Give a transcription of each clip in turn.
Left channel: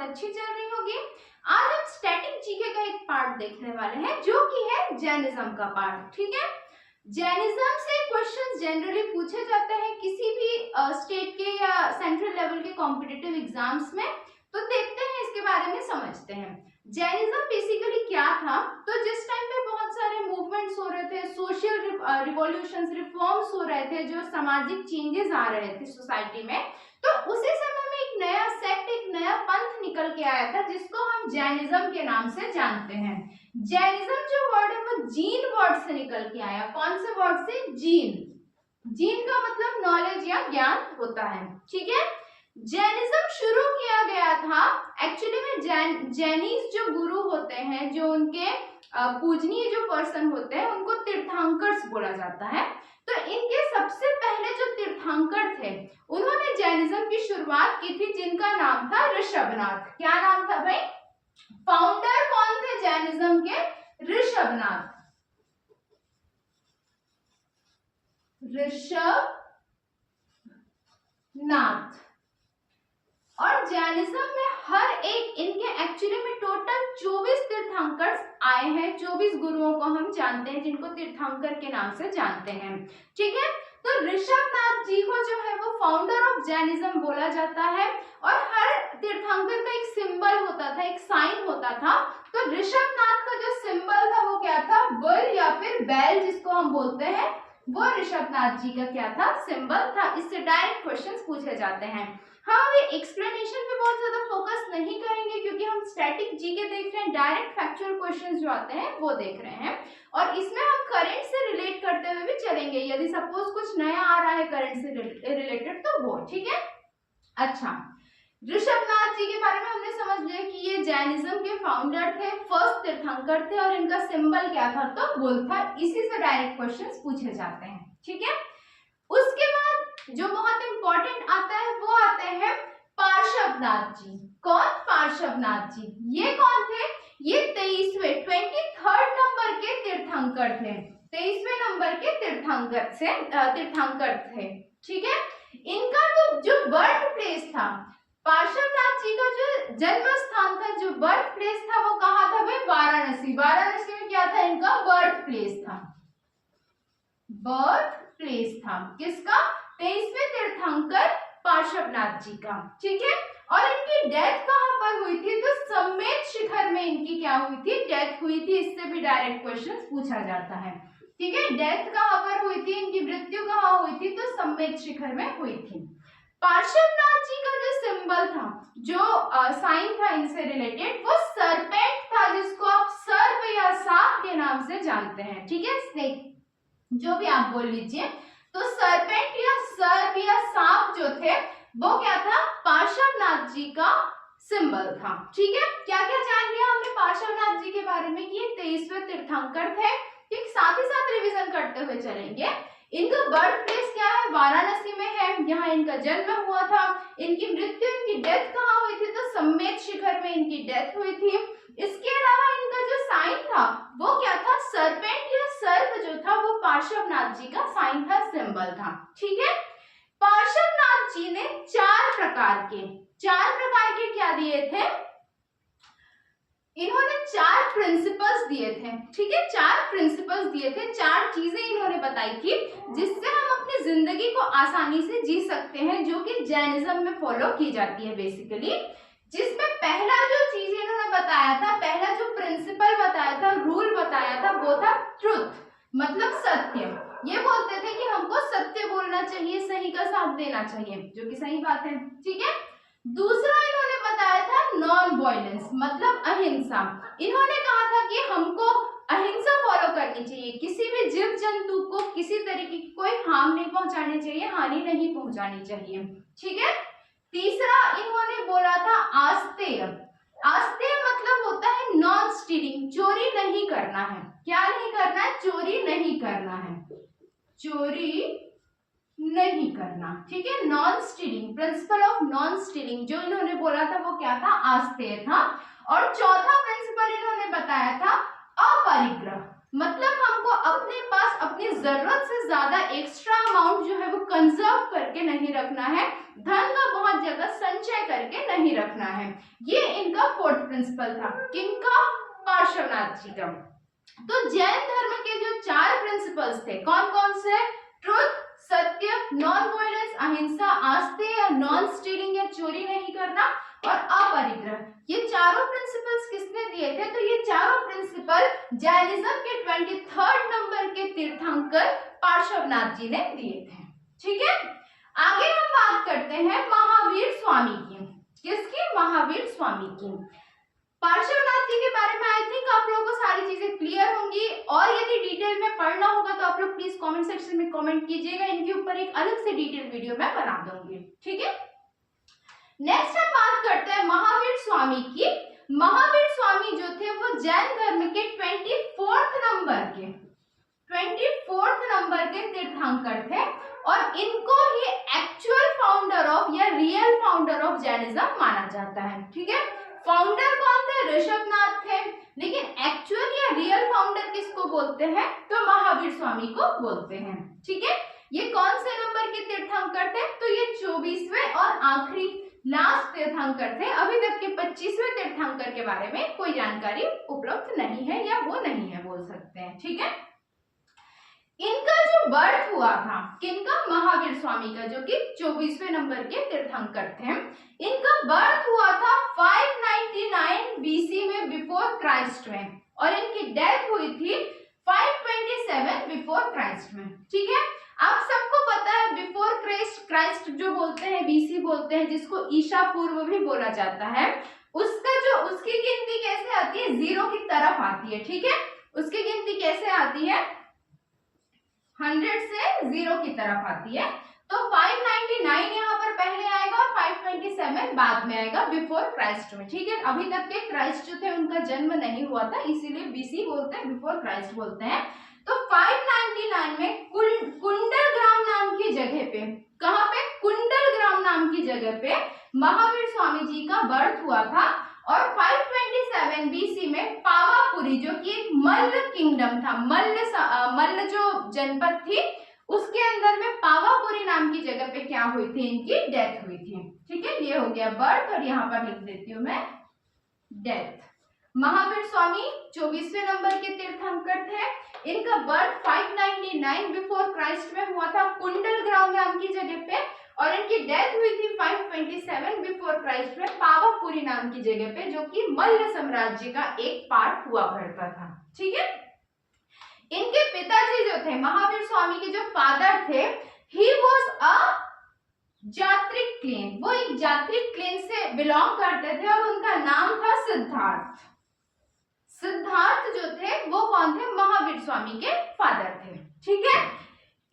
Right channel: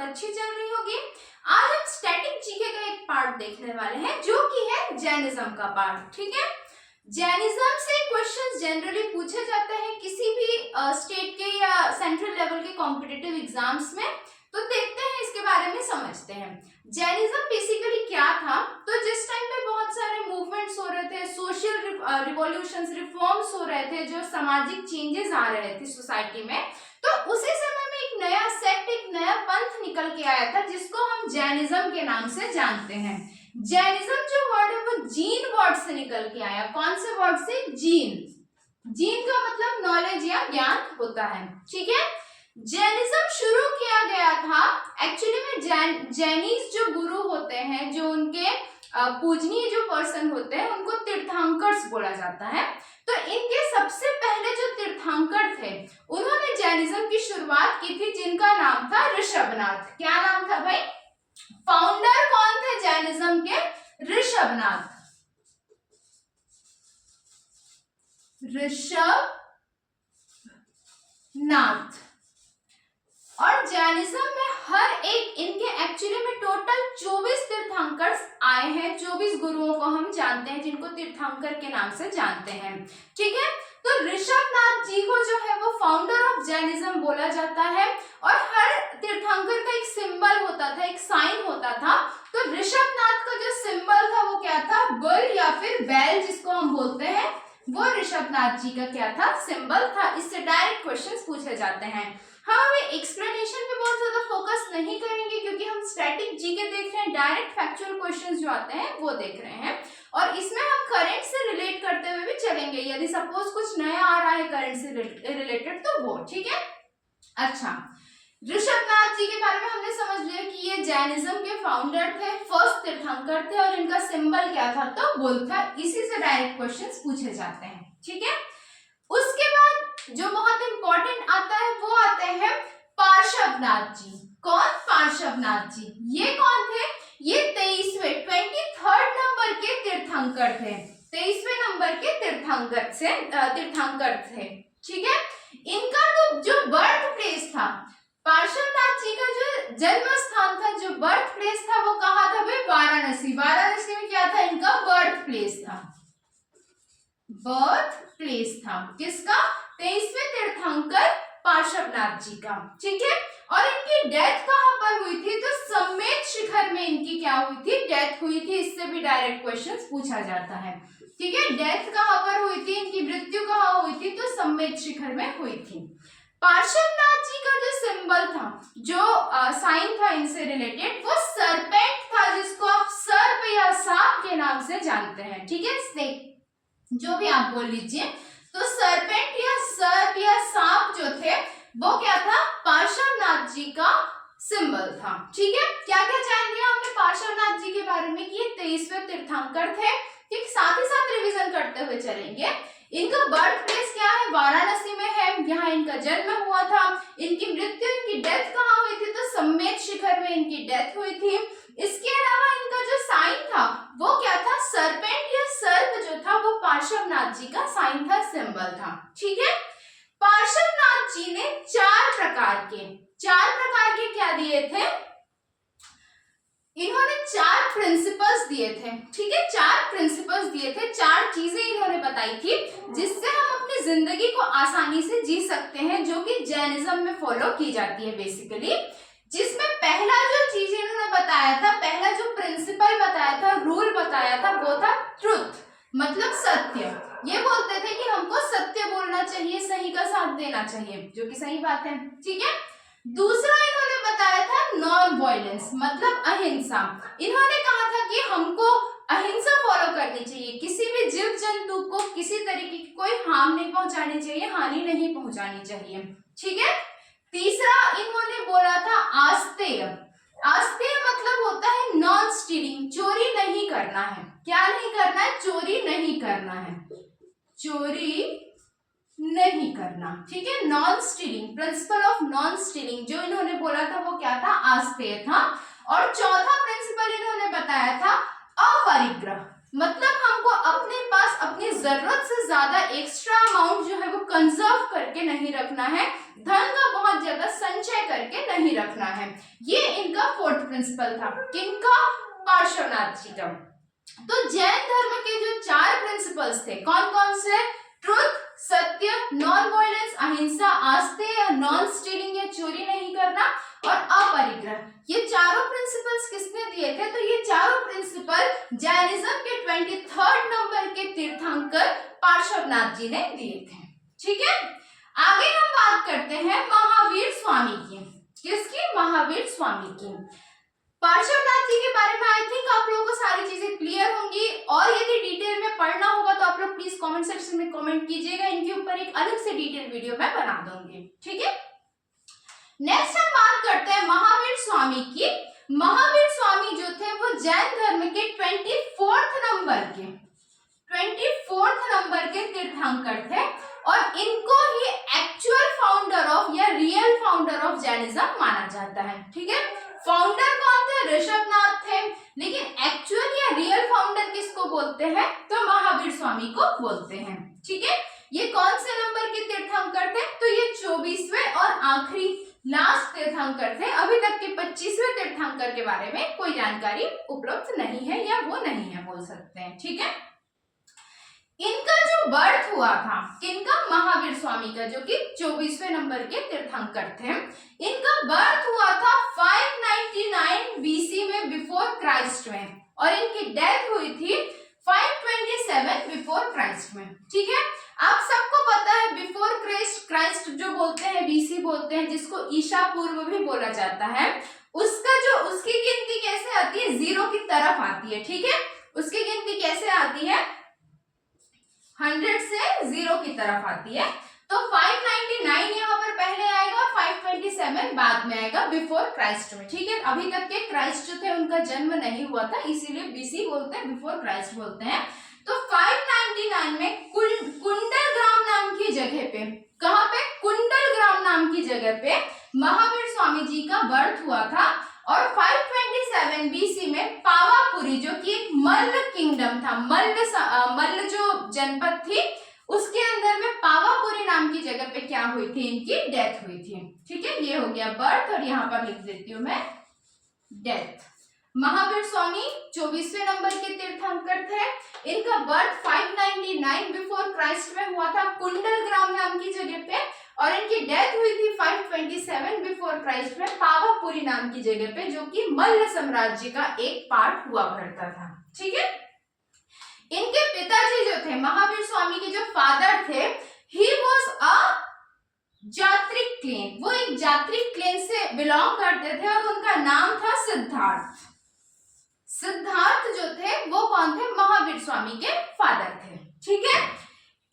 बहुत अच्छी चल रही होगी। आज हम स्टैटिक जीके का एक पार्ट देखने वाले हैं जो कि है जैनिज्म का पार्ट। ठीक है, जैनिज्म से क्वेश्चंस जनरली पूछे जाते हैं किसी भी स्टेट के या सेंट्रल लेवल के कॉम्पिटिटिव एग्जाम्स में। तो देखते हैं इसके बारे में, समझते हैं जैनिज्म बेसिकली क्या था। तो जिस टाइम पे बहुत सारे मूवमेंट्स हो रहे थे, सोशल रिवॉल्यूशंस, रिफॉर्म्स हो रहे थे, जो सामाजिक चेंजेस आ रहे थे सोसाइटी में, तो उसी समय में एक नया सेक्ट, एक नया पंथ निकल के आया था जिसको हम जैनिज्म के नाम से जानते हैं। जैनिज्म जो वर्ड है वो जीन वर्ड से निकल के आया। कौन से वर्ड से? जीन। जीन का मतलब नॉलेज या ज्ञान होता है। ठीक है, जैनिज्म शुरू किया गया था एक्चुअली में जैनीज जो गुरु होते हैं, जो उनके पूजनीय जो पर्सन होते हैं, उनको तीर्थंकर्स बोला जाता है। तो इनके सबसे पहले जो तीर्थंकर थे उन्होंने जैनिज्म की शुरुआत की थी, जिनका नाम था ऋषभनाथ। क्या नाम था भाई? फाउंडर कौन थे जैनिज्म के? ऋषभनाथ। ऋषभनाथ। और जैनिज्म में हर एक, इनके एक्चुअली में टोटल 24 तीर्थंकर्स आए हैं। 24 गुरुओं को हम जानते हैं जिनको तीर्थंकर के नाम से जानते हैं। ठीक है, तो ऋषभनाथ जी को जो है वो फाउंडर ऑफ जैनिज्म बोला जाता है। और हर तीर्थंकर का एक सिंबल होता था, एक साइन होता था। तो ऋषभनाथ का जो सिंबल था वो क्या था? बुल या फिर बैल जिसको हम बोलते हैं, वो ऋषभनाथ जी का क्या था? सिंबल था। इससे डायरेक्ट क्वेश्चंस पूछे जाते हैं। हाँ, वे एक्सप्लेनेशन पे बहुत ज्यादा फोकस नहीं करेंगे क्योंकि हम स्टैटिक जीके देख रहे हैं, डायरेक्ट फैक्चुअल क्वेश्चंस जो आते हैं वो देख रहे हैं। और इसमें हम करंट से रिलेट करते हुए भी चलेंगे, यदि सपोज कुछ नया आ रहा है करंट से रिलेटेड तो वो। ठीक है, अच्छा, ऋषभनाथ जी के बारे में हमने समझ लिया कि ये जैनिज्म के फाउंडर थे, फर्स्ट तीर्थंकर थे, और इनका सिंबल क्या था? तो बुल था। इसी से डायरेक्ट क्वेश्चंस पूछे जाते हैं। ठीक है, उसके बाद जो बहुत इंपॉर्टेंट आता है वो आते हैं पार्श्वनाथ जी। कौन? पार्श्वनाथ जी। ये कौन थे? ये 23वें 23rd नंबर के तीर्थंकर थे। 23वें नंबर के तीर्थंकर थे। ठीक है, इनका तो जो बर्थ प्लेस था, पार्श्वनाथ जी का जो जन्म स्थान था, जो बर्थ प्लेस था, वो कहाँ था भाई? वाराणसी। वाराणसी में क्या था? इनका बर्थ प्लेस था। बर्थ प्लेस था किसका? 23वें तीर्थंकर पार्श्वनाथ जी का। ठीक है, और इनकी डेथ कहां पर हुई थी? तो समेत शिखर में इनकी क्या हुई थी? डेथ हुई थी। इससे भी डायरेक्ट क्वेश्चंस पूछा जाता है। ठीक है, डेथ कहां पर हुई थी? इनकी मृत्यु कहां हुई थी? तो समेत शिखर में हुई थी। पार्श्वनाथ जी का जो सिंबल था, जो साइन था इनसे रिलेटेड, वो सरपेंट था, जिसको आप सर्प या सांप के नाम से जानते हैं। ठीक है, स्नेक जो भी आप बोल लीजिए। तो सरपेंट या सर्प या सांप जो थे वो क्या था? पार्श्वनाथ जी का सिंबल था। ठीक है, क्या क्या जान लिया हमने पार्श्वनाथ जी के बारे में कि ये 23वें तीर्थंकर थे। ठीक, साथ ही साथ रिवीजन करते हुए चलेंगे। इनका बर्थ प्लेस क्या है? वाराणसी में है, यहाँ इनका जन्म हुआ था। इनकी मृत्यु, इनकी डेथ कहाँ हुई थी? तो समेत शिखर में इनकी डेथ हुई थी। इसके अलावा इनका जो साइन था वो क्या था? सरपेंट या सर्प जो था वो पार्श्वनाथ जी का साइन था, सिंबल था। ठीक है, पार्श्वनाथ जी ने चार प्रकार के क्या दिए थे? इन्होंने 4 प्रिंसिपल्स दिए थे। ठीक है, 4 प्रिंसिपल्स दिए थे, 4 चीजें इन्होंने बताई थी जिससे हम अपनी जिंदगी को आसानी से जी सकते हैं, जो कि जैनिज्म में फॉलो की जाती है बेसिकली। जिसमें पहला जो चीज इन्होंने बताया था, पहला जो प्रिंसिपल बताया था, रूल बताया था, वो था ट्रुथ, मतलब सत्य। ये बोलते थे कि हमको सत्य बोलना चाहिए, सही का साथ देना चाहिए, जो कि सही बात है। ठीक है, दूसरा इन्होंने बताया था नॉन वायलेंस, मतलब अहिंसा। इन्होंने कहा था कि हमको अहिंसा फॉलो करनी चाहिए, किसी भी जीव जंतु को किसी तरीके की कोई हार्म नहीं पहुंचानी चाहिए, हानि नहीं पहुंचानी चाहिए। ठीक है, तीसरा इन्होंने बोला था आस्तेय। आस्तेय मतलब होता है नॉन स्टीलिंग, चोरी नहीं करना है। क्या नहीं करना है? चोरी नहीं करना है, चोरी नहीं करना। ठीक है, non stealing, principle of non stealing जो इन्होंने बोला था वो क्या था? आस्तेय था। और चौथा प्रिंसिपल इन्होंने बताया था अपरिग्रह। मतलब हमको अपने पास अपनी जरूरत से ज्यादा एक्स्ट्रा अमाउंट जो है वो कंजर्व करके नहीं रखना है, धन का बहुत ज्यादा संचय करके नहीं रखना है। ये इनका फोर्थ प्रिंसिपल था, किनका? पार्श्वनाथ जी का। तो जैन धर्म के जो 4 प्रिंसिपल्स थे कौन कौन से? ट्रुथ, सत्य, नॉन वायलेंस, अहिंसा, आस्तेय, नॉन स्टीलिंग या चोरी नहीं करना, और अपरिग्रह। ये चारों प्रिंसिपल्स किसने दिए थे? तो ये चारों प्रिंसिपल जैनिज्म के 23rd नंबर के तीर्थंकर पार्श्वनाथ जी ने दिए थे। ठीक है, आगे हम बात करते हैं महावीर स्वामी की। किसकी? महावीर स्वामी की। पार्श्वनाथ जी के बारे में आई थिंक आप लोगों को सारी चीजें क्लियर होंगी, और यदि डिटेल में पढ़ना होगा तो आप लोग प्लीज कमेंट सेक्शन में कमेंट कीजिएगा, इनके ऊपर एक अलग से डिटेल वीडियो मैं बना दूंगी। ठीक है, नेक्स्ट हम बात करते हैं महावीर स्वामी की। महावीर स्वामी जो थे वो जैन धर्म के 24th नंबर के तीर्थंकर थे, और इनको ही एक्चुअल फाउंडर ऑफ या रियल फाउंडर ऑफ जैनिज्म माना जाता है। ठीक है, फाउंडर कौन थे? ऋषभनाथ थे, लेकिन एक्चुअल या रियल फाउंडर किसको बोलते हैं? तो महावीर स्वामी को बोलते हैं। ठीक है, ये कौन से नंबर के तीर्थंकर थे? तो ये 24वें और आखिरी लास्ट तीर्थंकर थे। अभी तक के 25वें तीर्थंकर के बारे में कोई जानकारी उपलब्ध नहीं है, या वो नहीं है बोल सकते हैं। ठीक है, इनका जो बर्थ हुआ था, किनका? महावीर स्वामी का, जो कि 24वें नंबर के तीर्थंकर थे। इनका बर्थ हुआ था 599 बीसी में बिफोर क्राइस्ट में, और इनकी डेथ हुई थी 527 बिफोर क्राइस्ट में। ठीक है, आप सबको पता है बिफोर क्राइस्ट जो बोलते हैं, बीसी बोलते हैं, जिसको ईसा पूर्व भी बोला जाता है, उसकी गिनती कैसे आती है? 0 की तरफ आती है। ठीक है, उसकी गिनती कैसे आती है? 100 से 0 की तरफ आती है। तो 599 यहाँ पर पहले आएगा और 527 बाद में आएगा बिफोर क्राइस्ट में। ठीक है, अभी तक के क्राइस्ट जो थे उनका जन्म नहीं हुआ था, इसीलिए बीसी बोलते हैं, बिफोर क्राइस्ट बोलते हैं। तो 599 में कुंडल ग्राम नाम की जगह पे, कहाँ पे? कुंडल ग्राम नाम की जगह पे महावीर स्वामी जी का बर्थ हुआ था, और 527 बीसी में पावापुरी, जो कि एक मल्ल किंगडम था, मल्ल जो जनपद थी, उसके अंदर में पावापुरी नाम की जगह पे क्या हुई थी? इनकी डेथ हुई थी। ठीक है, ये हो गया बर्थ, और यहाँ पर लिख देती हूँ मैं डेथ। महावीर स्वामी 24वें नंबर के तीर्थंकर थे। इनका बर्थ 599 बिफोर क्राइस्ट में हुआ था, कुंडल ग्राम नाम की जगह पे, और इनकी डेथ हुई थी 527 बिफोर क्राइस्ट में पावापुरी नाम की जगह पे, जो कि मल्ल साम्राज्य का एक पार्ट हुआ करता था। ठीक है, इनके पिताजी जो थे, महावीर स्वामी के जो फादर थे, ही वाज अ जात्रिक क्लेन, वो एक जात्रिक क्लेन से बिलोंग करते थे, और उनका नाम था सिद्धार्थ। सिद्धार्थ जो थे वो कौन थे? महावीर स्वामी के फादर थे। ठीक है,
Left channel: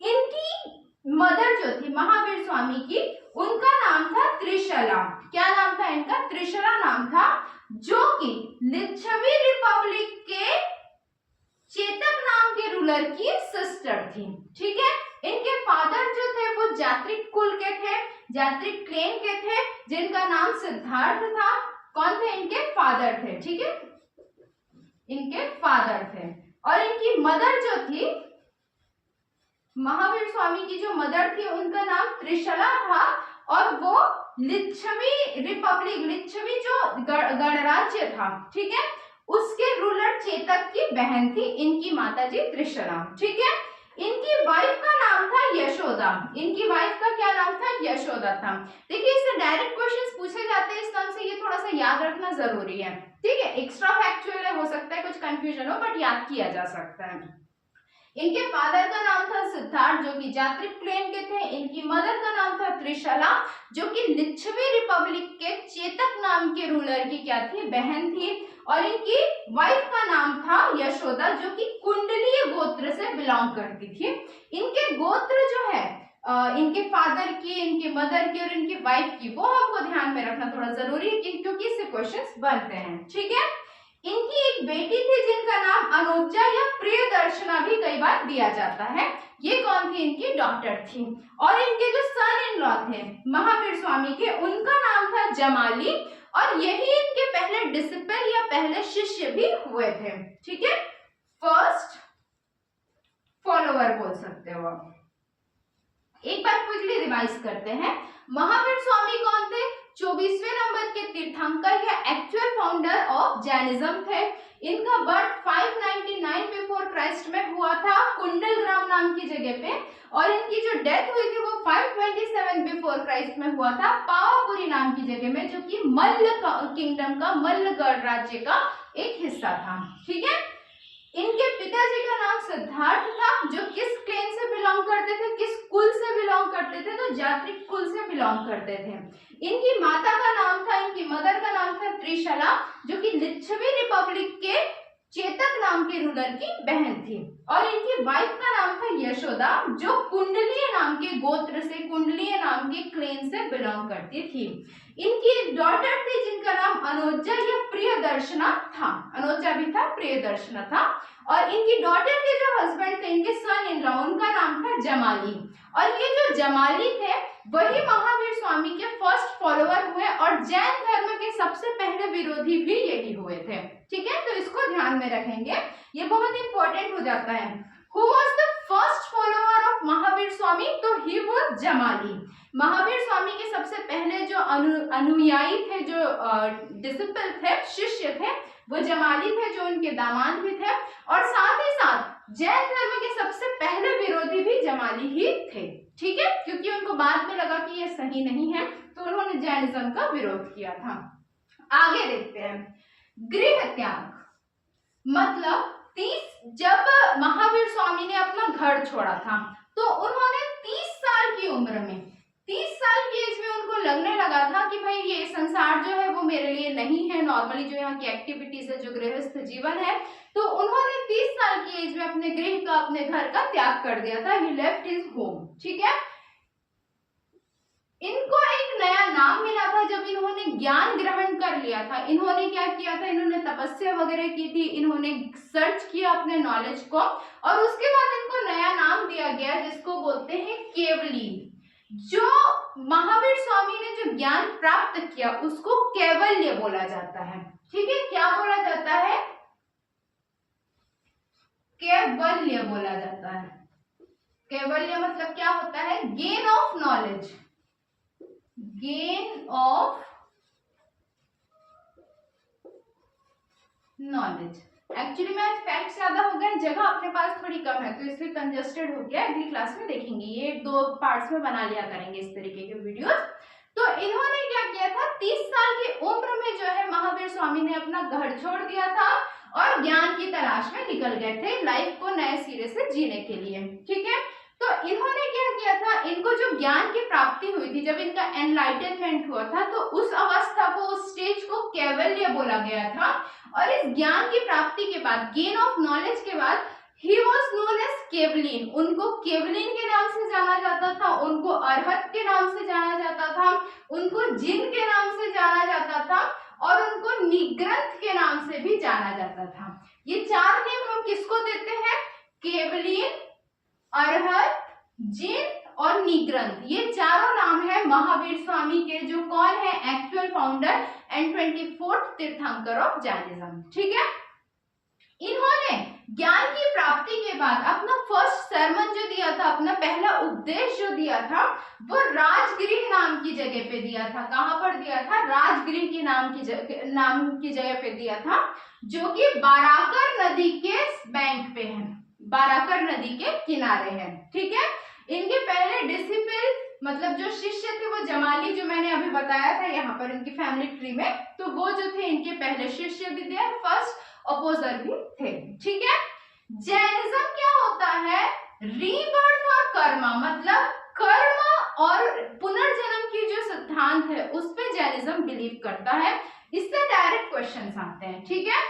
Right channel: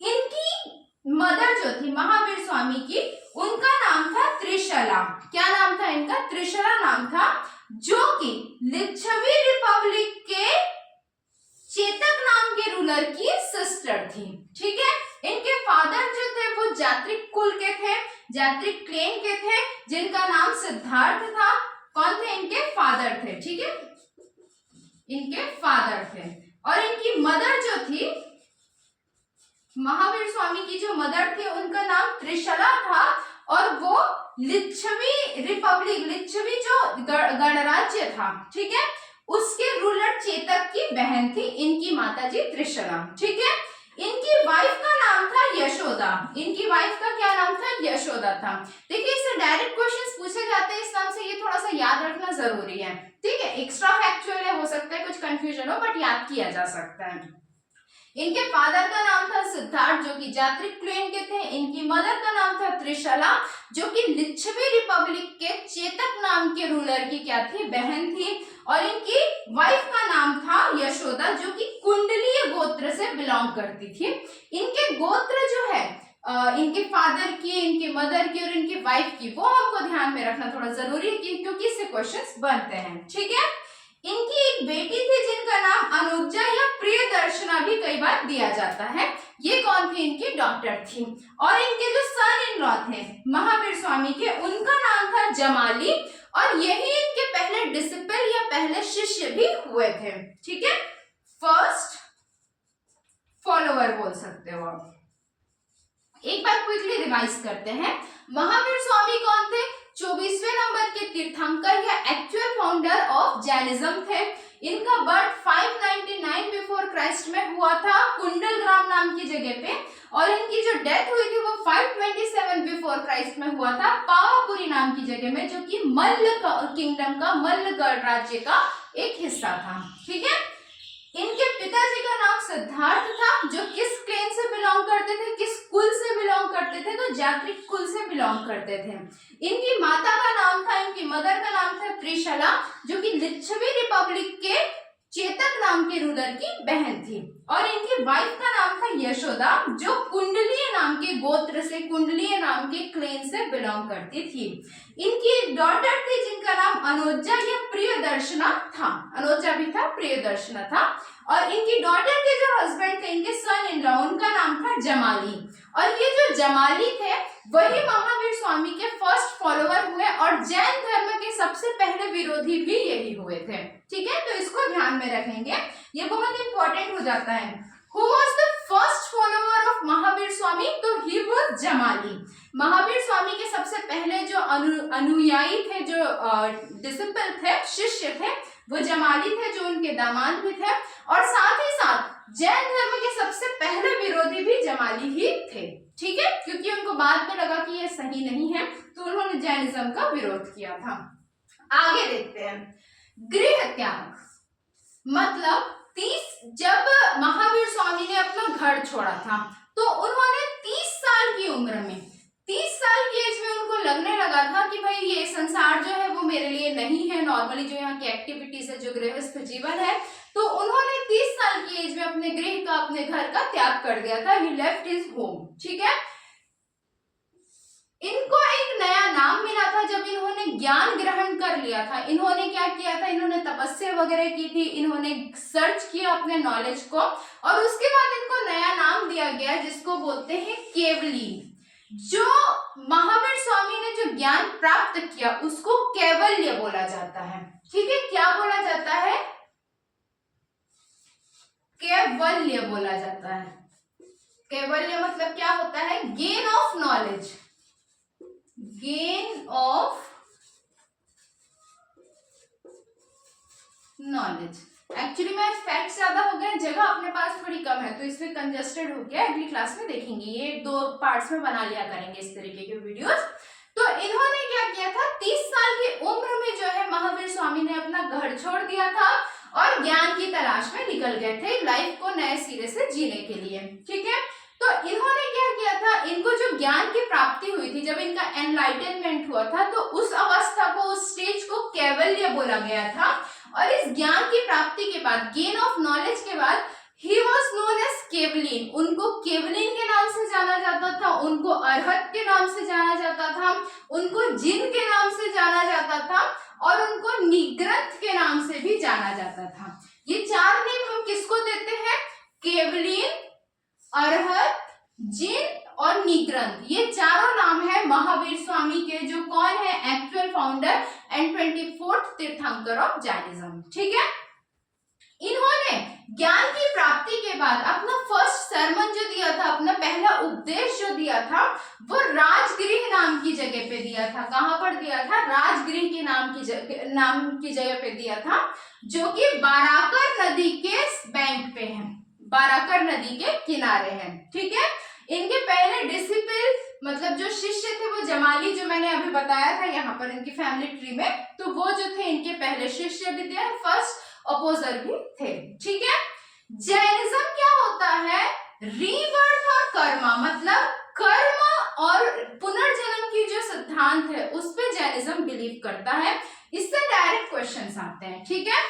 इनकी मदर जो थी महावीर स्वामी की, उनका नाम था त्रिशला। क्या नाम था इनका? त्रिशला नाम था, जो कि लिच्छवी रिपब्लिक के चेतक नाम के रूलर की सिस्टर थी। ठीक है, इनके फादर जो थे वो जात्रिक कुल के थे, जात्रिक क्लेन के थे, जिनका नाम सिद्धार्थ था। कौन थे? इनके फादर थे। ठीक है, इनके फादर थे, और इनकी मदर जो थी, महावीर स्वामी की जो मदर थी, उनका नाम त्रिशला था, और वो लिच्छवी रिपब्लिक, लिच्छवी जो गणराज्य था, ठीक है, उसके रूलर चेतक की बहन थी इनकी माताजी त्रिशला। ठीक है, इनकी वाइफ का नाम था यशोदा। इनकी वाइफ का क्या नाम था? यशोदा था। देखिए, इससे डायरेक्ट क्वेश्चंस पूछे जाते हैं इस नाम से, ये थोड़ा सा याद रखना जरूरी है। ठीक है, एक्स्ट्रा फैक्चुअल है, हो सकता है कुछ कंफ्यूजन हो, बट याद किया जा सकता है। इनके फादर का नाम था सिद्धार्थ, जो कि जात्रिक क्लेन के थे। इनकी मदर का नाम था त्रिशला, जो कि लिच्छवी रिपब्लिक के चेतक नाम के रूलर की क्या थी? बहन थी। और इनकी वाइफ का नाम था यशोदा, जो कि कुंडलीय गोत्र से बिलोंग करती थी। इनके गोत्र जो है इनके फादर की, इनके मदर की और इनकी वाइफ की, वो हमको ध्यान में रखना थोड़ा जरूरी है, क्योंकि इससे क्वेश्चंस बनते हैं। ठीक है, इनकी एक बेटी थी जिनका नाम अनुजा या प्रियदर्शना भी कई बार दिया जाता है। ये कौन थी? इनकी डॉटर थी। और इनके जो सन इन लॉ थे महावीर स्वामी के, उनका नाम था जमाली, और यही इनके पहले डिसिपल या पहले शिष्य भी हुए थे। ठीक है, फर्स्ट तीर्थंकर बोल सकते हो आप। एक बार क्विकली रिवाइज करते हैं। महावीर स्वामी कौन थे? 24वें नंबर के तीर्थंकर या एक्चुअल फाउंडर ऑफ जैनिज्म थे। इनका बर्थ 599 बिफोर क्राइस्ट में हुआ था कुंडलग्राम नाम की जगह पे, और इनकी जो डेथ हुई थी वो 527 बिफोर क्राइस्ट में हुआ था पावापुरी नाम की जगह में, जो कि मल्ल किंगडम का, मल्लगढ़ राज्य का एक हिस्सा था। ठीक है। इनके पिताजी का नाम सिद्धार्थ था, जो किस क्लेन से बिलोंग करते थे, किस कुल से बिलोंग करते थे? तो जात्रिक कुल से बिलोंग करते थे। इनकी माता का नाम था, इनकी मदर का नाम था त्रिशला, जो कि लिच्छवी रिपब्लिक के चेतक नाम के रूलर की बहन थी। और इनकी वाइफ का नाम था यशोदा, जो कुंडलीय नाम के गोत्र से, कुंडलीय नाम के क्लेन से बिलोंग करती थी। इनकी एक डॉटर थी जिनका नाम अनुजा या प्रियदर्शना था, अनुजा भी था, प्रियदर्शना था। और इनकी डॉटर के जो हस्बैंड थे, इनके सन इन लॉ, उनका नाम था जमाली। और ये जो जमाली थे वही महावीर स्वामी के फर्स्ट फॉलोअर हुए, और जैन धर्म के सबसे पहले विरोधी भी यही हुए थे। ठीक है, तो इसको ध्यान में रखेंगे, ये बहुत इंपॉर्टेंट हो जाता है। Who was the first follower of Mahavir Swami? तो he was जमाली। महावीर स्वामी के सबसे पहले जो अनुयायी थे, जो डिसिपल थे, शिष्य थे, वो जमाली थे, जो उनके दामाद भी थे। और साथ ही साथ जैन धर्म के सबसे पहले विरोधी भी जमाली ही थे। ठीक है, क्योंकि उनको बाद में लगा कि ये सही नहीं है, तो उन्होंने जैनिज्म का विरोध किया था। आगे देखते हैं। गृह त्याग मतलब जब महावीर स्वामी ने अपना घर छोड़ा था, तो उन्होंने 30 साल की उम्र में, 30 साल की एज में उनको लगने लगा था कि भाई ये संसार जो है वो मेरे लिए नहीं है, नॉर्मली जो यहाँ की एक्टिविटीज है, जो गृहस्थ जीवन है, तो उन्होंने 30 साल की एज में अपने गृह का, अपने घर का त्याग कर दिया था। ही लेफ्ट हिज होम। ठीक है। इनको एक नया नाम मिला था जब इन्होंने ज्ञान ग्रहण कर लिया था। इन्होंने क्या किया था? इन्होंने तपस्या वगैरह की थी, इन्होंने सर्च किया अपने नॉलेज को, और उसके बाद इनको नया नाम दिया गया जिसको बोलते हैं केवली। जो महावीर स्वामी ने जो ज्ञान प्राप्त किया उसको कैवल्य बोला जाता है। ठीक है, क्या बोला जाता है? कैवल्य बोला जाता है। कैवल्य मतलब क्या होता है? Gain of knowledge, gain of knowledge. Actually में फैक्ट ज्यादा हो गए, जगह अपने पास थोड़ी कम है, तो इसलिए कंजस्टेड हो गया। अगली क्लास में देखेंगे, ये 2 पार्ट्स में बना लिया करेंगे इस तरीके के वीडियोस। तो इन्होंने क्या किया था? 30 साल की उम्र में जो है महावीर स्वामी ने अपना घर छोड़ दिया था और ज्ञान की तलाश में निकल गए थे, लाइफ को नए सिरे से जीने के लिए। ठीक है, तो इन्होंने क्या किया था? इनको जो ज्ञान की प्राप्ति हुई थी, जब इनका एनलाइटनमेंट हुआ था, तो उस अवस्था को, उस स्टेज को कैवल्य बोला गया था। और इस ज्ञान की प्राप्ति के बाद, गेन ऑफ नॉलेज के बाद, he was known as Kevalin. उनको केवलिन के नाम से जाना जाता था, उनको अरहत के नाम से जाना जाता था, उनको जिन के नाम से जाना जाता था, और उनको निग्रंथ के नाम से भी जाना जाता था। ये 4 नेम हम किसको देते हैं? केवलिन, अरहत, जिन और निग्रंथ। ये चारों नाम है महावीर स्वामी के, जो कौन है? एक्चुअल फाउंडर एंड 24th तीर्थंकर ऑफ जैनिज्म। ठीक है, इन्होंने ज्ञान की प्राप्ति के बाद अपना फर्स्ट सरमन जो दिया था, अपना पहला उपदेश जो दिया था, वो राजगृह नाम की जगह पे दिया था। कहां पर दिया था? राजगृह के नाम की जगह पे दिया था, जो कि बाराकर नदी के बैंक पे है, बाराकर नदी के किनारे है। ठीक है, इनके पहले डिसिपल मतलब जो शिष्य थे वो जमाली, जो मैंने अभी बताया था यहाँ पर इनकी फैमिली ट्री में, तो वो जो थे इनके पहले शिष्य भी थे, फर्स्ट अपोजर भी थे। ठीक है, जैनिज्म क्या होता है? रीबर्थ और कर्मा, मतलब कर्म और पुनर्जन्म की जो सिद्धांत है उस पे जैनिज्म बिलीव करता है। इससे डायरेक्ट क्वेश्चंस आते हैं। ठीक है,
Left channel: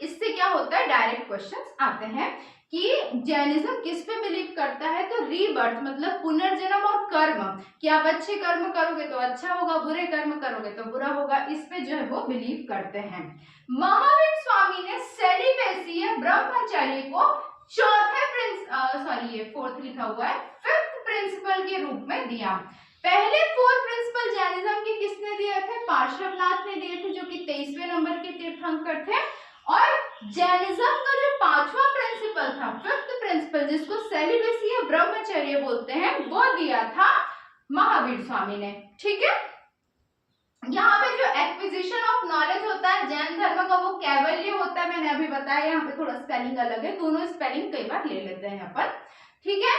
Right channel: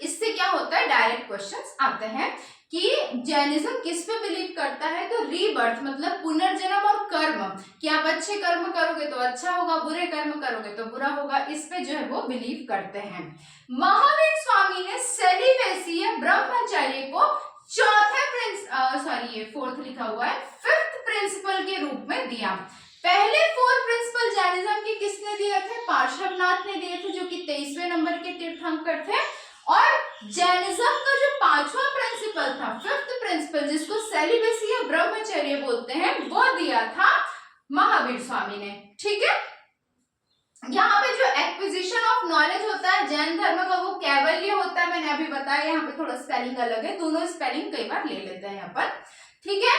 इससे क्या होता है? डायरेक्ट क्वेश्चंस आते हैं कि जैनिज्म किस पे बिलीव करता है? तो रीबर्थ मतलब पुनर्जन्म और कर्म, कि आप अच्छे कर्म करोगे तो अच्छा होगा, बुरे कर्म करोगे तो बुरा होगा, इस पे जो है वो बिलीव करते हैं। महावीर स्वामी ने सेलिबेसी या ब्रह्मचर्य को फोर्थ लिखा हुआ है, 5th प्रिंसिपल के रूप में दिया। पहले 4 प्रिंसिपल जैनिज्म के किसने दिए थे? पार्श्वनाथ ने दिए थे, जो कि 23वें नंबर के तीर्थंकर थे। और जैनिज्म का जो 5वां प्रिंसिपल था, 5th प्रिंसिपल प्रिंसिपल जिसको सेलिबेसी या ब्रह्मचर्य बोलते हैं वो दिया था महावीर स्वामी ने। ठीक है, यहाँ पे जो एक्विजिशन ऑफ नॉलेज होता है जैन धर्म का वो कैवल्य होता है, मैंने अभी बताया। यहाँ पे थोड़ा स्पेलिंग अलग है, दोनों स्पेलिंग कई बार ले लेते हैं यहाँ पर। ठीक है,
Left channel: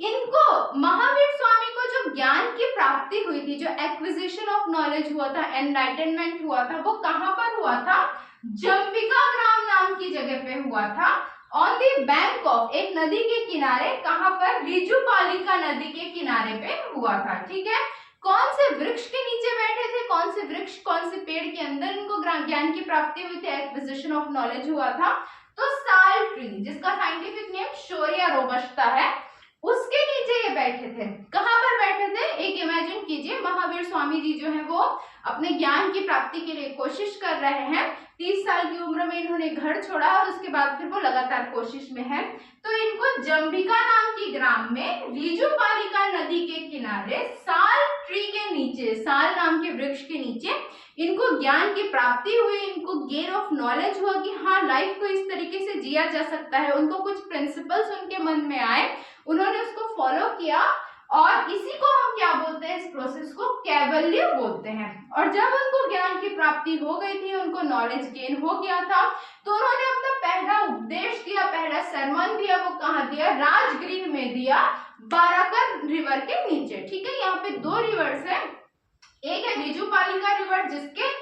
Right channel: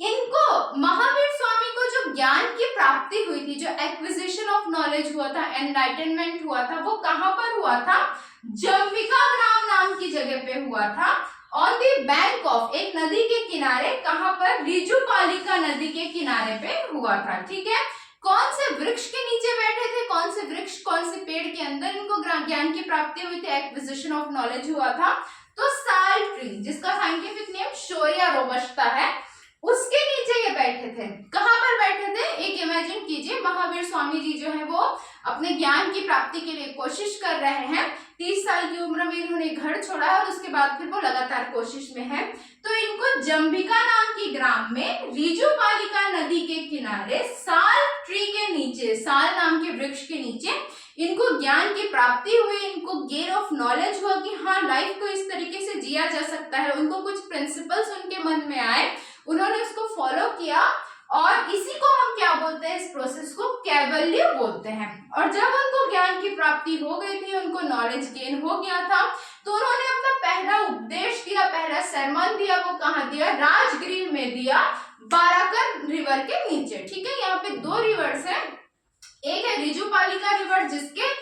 इनको महावीर स्वामी को जो ज्ञान की प्राप्ति हुई थी, जो एक्विजिशन ऑफ नॉलेज हुआ था, एनलाइटनमेंट हुआ था, वो कहाँ पर हुआ था? जम्बिका ग्राम नाम की जगह पे हुआ था, ऑन द बैंक ऑफ, एक नदी के किनारे। कहाँ पर? ऋजुपालिका नदी के किनारे पे हुआ था। ठीक है, कौन से वृक्ष के नीचे बैठे थे? कौन से वृक्ष, कौन से पेड़ के अंदर इनको ज्ञान की प्राप्ति हुई थी, एक्विजिशन ऑफ नॉलेज हुआ था? तो साल ट्री, जिसका साइंटिफिक नेम शोरिया रोबस्टा है, उसके नीचे ये बैठे थे। कहां पर बैठे थे? एक इमेजिन कीजिए, महावीर स्वामी जी जो है वो अपने ज्ञान की प्राप्ति के लिए कोशिश कर रहे हैं। 30 साल की उम्र में इन्होंने घर छोड़ा और उसके बाद फिर वो लगातार कोशिश में है। तो इनको जम्बिका नाम की ग्राम में ऋजुपालिका नदी के किनारे साल ट्री के नीचे, साल नाम के वृक्ष के नीचे इनको ज्ञान की प्राप्ति हुई, इनको गेन ऑफ नॉलेज हुआ कि हाँ लाइफ को इस तरीके से जिया जा सकता है। उनको कुछ प्रिंसिपल्स उनके मन में आए, उन्होंने उसको फॉलो किया और इसी को हम क्या बोलते हैं? इस प्रोसेस को कैवल्य बोलते हैं। और जब उनको ज्ञान की प्राप्ति हो गई थी, उनको नॉलेज गेन हो गया था, तो उन्होंने अपना पहला उपदेश दिया, पहला सरमन दिया। वो कहाँ दिया? राजगृह में दिया, बाराकर रिवर के नीचे। ठीक है, यहाँ पे 2 रिवर्स है, एक है ऋजुपालिका रिवर जिसके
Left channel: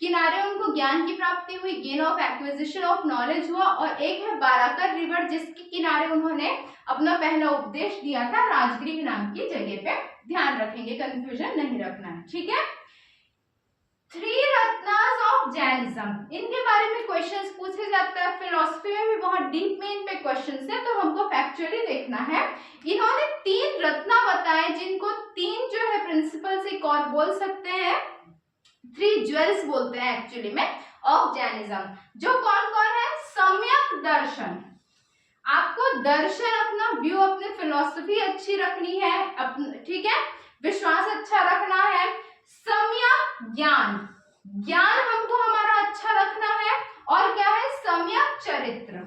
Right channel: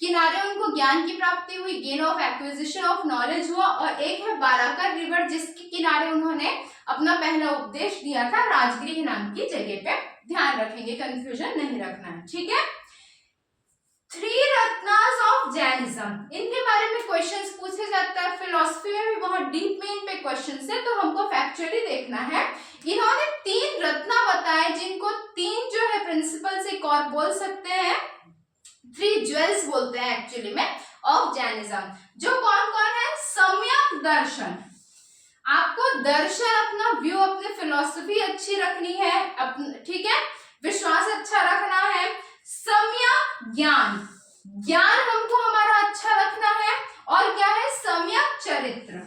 किनारे उनको ज्ञान की प्राप्ति हुई, gain of acquisition of knowledge हुआ, और एक है बाराकर रिवर जिसके किनारे उन्होंने अपना पहला उपदेश दिया था, राजगृह नाम की जगह पे। ध्यान रखेंगे, कंफ्यूजन नहीं रखना है। ठीक है, 3 रत्नास ऑफ जैनिज्म, इनके बारे में क्वेश्चंस पूछे जाता है। फिलोसफी में भी बहुत डीप में इन पे क्वेश्चंस है, तो हमको फैक्चुअली देखना है। इन्होंने 3 रत्ना बताए, जिनको 3 जो है प्रिंसिपल्स एक और बोल सकते हैं, 3 ज्वेल्स बोलते हैं एक्चुअली में ऑफ जैनिज्म। जो कौन कौन है? सम्यक दर्शन, आपको दर्शन, अपना व्यू, अपनी फिलॉसफी अच्छी रखनी है, ठीक है, विश्वास अच्छा रखना है। सम्यक ज्ञान, ज्ञान हमको हमारा अच्छा रखना है। और क्या है? सम्यक चरित्र,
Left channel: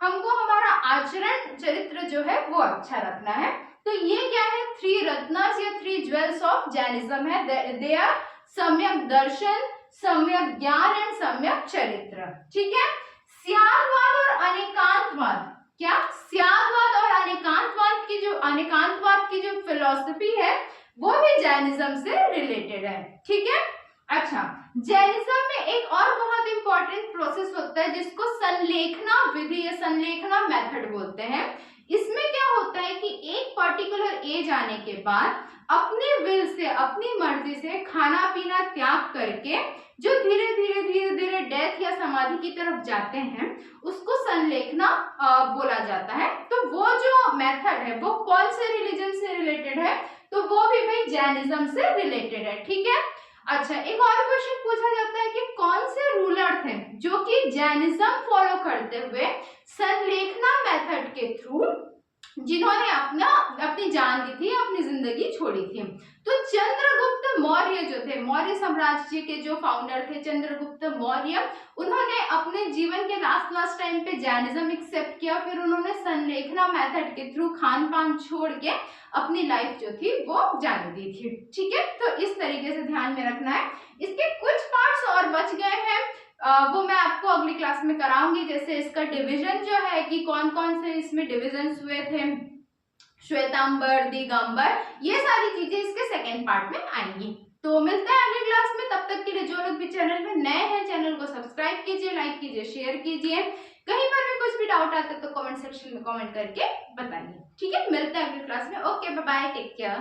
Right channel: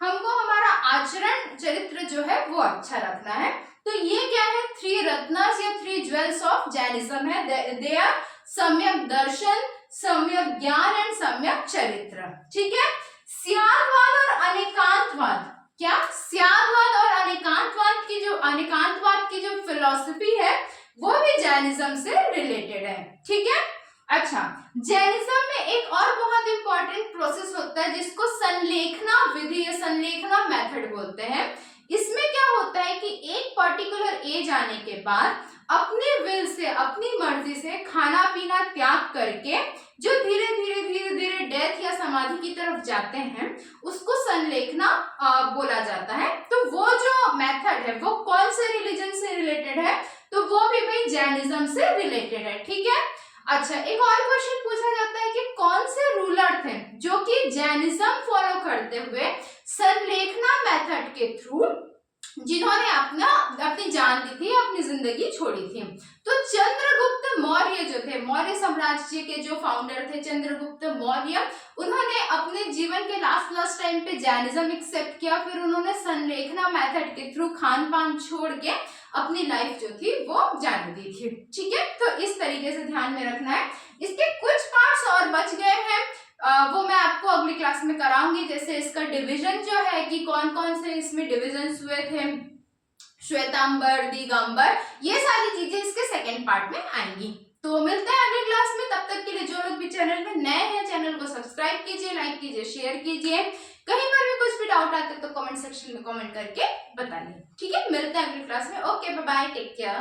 हमको हमारा आचरण चरित्र जो है वो अच्छा रखना है। तो ये क्या है? 3 रत्नास या 3 ज्वेल्स ऑफ जैनिज्म है। दे आर सम्यक दर्शन, सम्यक ज्ञान एंड सम्यक चरित्र। ठीक है, स्यादवाद और अनेकांतवाद, क्या? स्यादवाद और अनेकांतवाद की जो फिलॉसफी है वो भी जैनिज्म से रिलेटेड है। ठीक है, अच्छा, जैनिज्म में एक और बहुत इंपॉर्टेंट प्रोसेस होता है जिसको संलेखना विधि या संलेखना मेथड बोलते हैं। इसमें क्या होता है कि एक पर्टिकुलर एज आने के बाद अपने विल से, अपनी मर्जी से खाना पीना त्याग करके जो धीरे धीरे डेथ या समाधि की तरफ जाते हैं, उसको संलेखना बोला जाता है। तो वो जो मेथड है वो कौन से रिलीजन से रिलेटेड है? तो वो भी भाई जैनिज्म से रिलेटेड है। ठीक है, अच्छा, एक और क्वेश्चन पूछा जाता है कि कौन से रूलर थे जो कि जैनिज्म फॉलो करते हुए संलेखना मेथड के थ्रू जिन्होंने अपनी जान दी थी, अपनी जिंदगी छोड़ी थी। तो चंद्रगुप्त मौर्य जो थे, मौर्य साम्राज्य के जो फाउंडर थे चंद्रगुप्त मौर्य, उन्होंने अपने जीवन के लास्ट टाइम पे जैनिज्म एक्सेप्ट किया। फिर उन्होंने संलेखना मेथड के थ्रू खान पान छोड़ के अपनी लाइफ जो थी वो जाने दी थी। ठीक है, तो इस तरीके से ध्यान में रखना है। इसके कुछ पार्ट्स और बच गए हैं, वो मैं आपको अगली क्लास में कराऊंगी। जैसे इसका डिवीजन जो है कि कौन कौन से इसमें डिविजन्स हुए थे, श्वेतांबर, दिगंबर, ये सारी चीजें इसके सेकंड पार्ट में आएंगी। तो मिलते हैं अगली क्लास में। तब तक के लिए जो लोग भी चैनल में नए हैं, चैनल को सब्सक्राइब कीजिए, लाइक कीजिए, शेयर कीजिए। कहीं पर भी कुछ भी डाउट आता है तो कमेंट सेक्शन में कमेंट करके बताइए। ठीक है, मिलते हैं अगली क्लास में। Okay, bye bye, take care.